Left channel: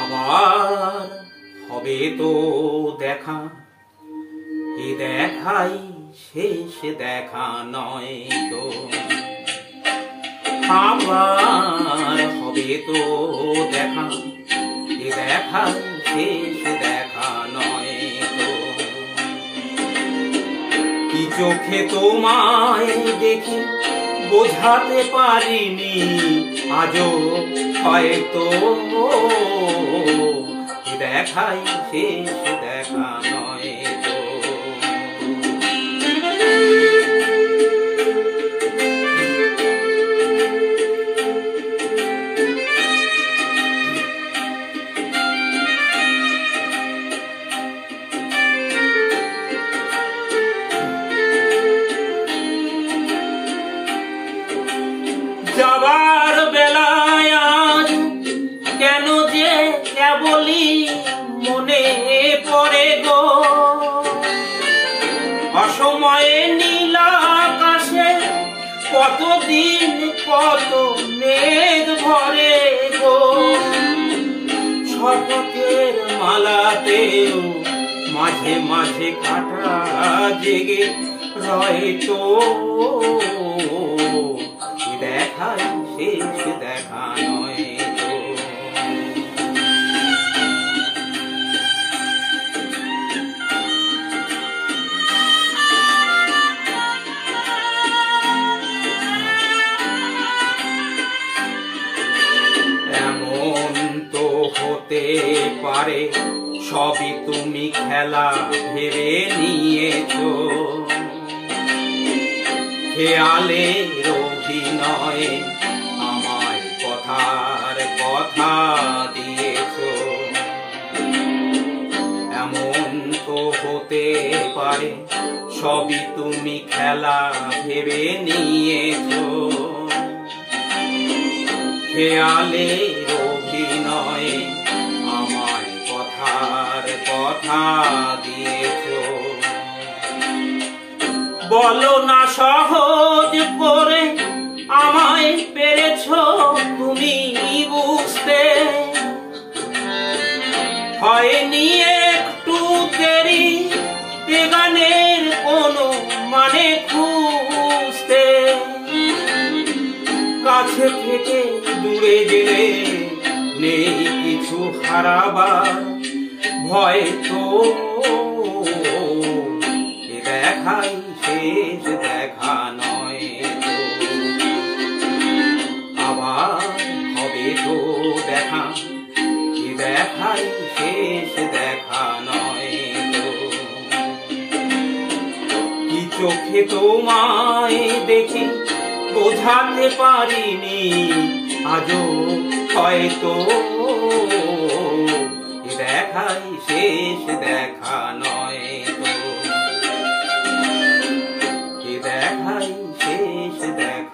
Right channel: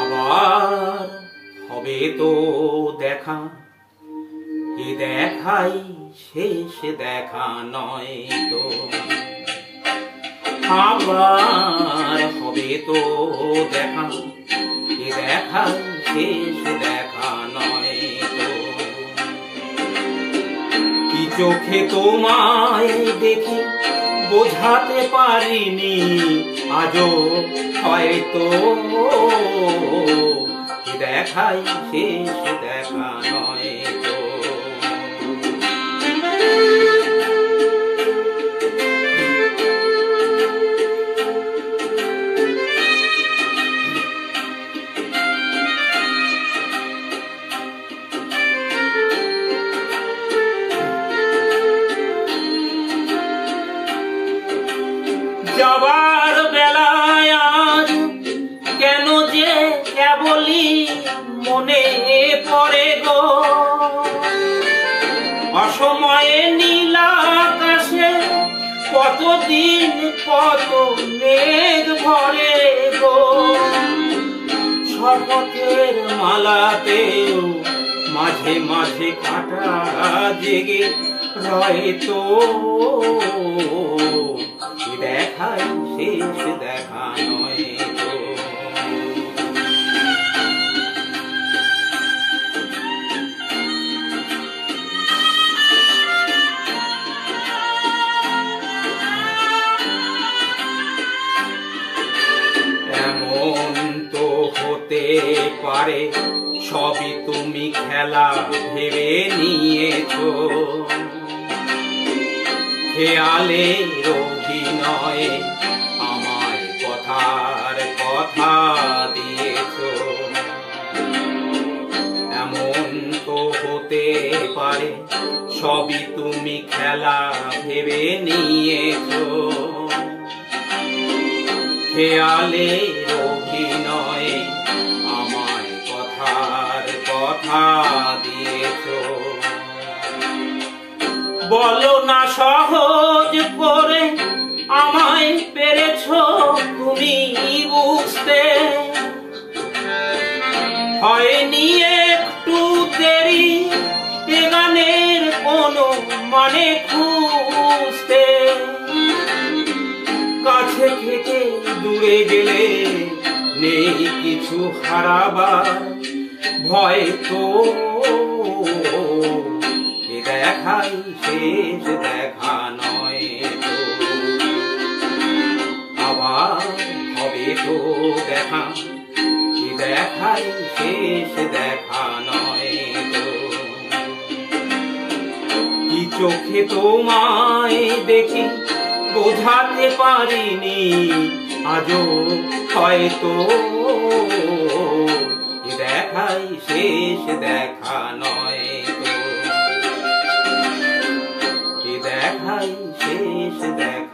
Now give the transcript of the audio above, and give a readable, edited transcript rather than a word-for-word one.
আবার হবে তো দেখা, এ দেখাই শেষ দেখা নয় তো। আবার হবে তো দেখা, এ দেখাই শেষ দেখা নয় তো। কি চোখে তোমায় দেখি বোঝাতে পারিনি আজও, হয়তো এ দেখাই শেষ দেখা নয় তো। যাবার বেলায় আজ কেন যে কেবলই মনে পড়ে গো, অসময়ে নীল আকাশে কতদিন কত মেঘ ভরে গো। শপথের মালাতেও মাঝে মাঝে কাটা জেগে রয় তো, দেখাই শেষ দেখা নয় তো। এমন তো হতে পারে সবই তুমি খেলা ভেবে নিয়েছো, খেয়ালের অভিনয়ে আমায় কথার কথা দিয়েছো। এমন তো হতে পারে সবই তুমি খেলা ভেবে নিয়েছো, খেয়ালের অভিনয়ে আমায় কথার কথা দিয়েছো। বলো না সহজ করে আমায় পেরেছো তুমি বুঝতে, হয়নি একটু দেরি এ গানের কোনো মানে খুঁজতে। কাছে থেকে দূরে গেলে নেই কিছু হারাবার ভয় তো, এ দেখাই শেষ দেখা নয় তো। আবার হবে তো দেখা, এ দেখাই শেষ দেখা নয় তো। কি চোখে তোমায় দেখি বোঝাতে পারিনি আজও, হয়তো এ দেখাই শেষ দেখা নয় তো। এ দেখাই শেষ দেখা।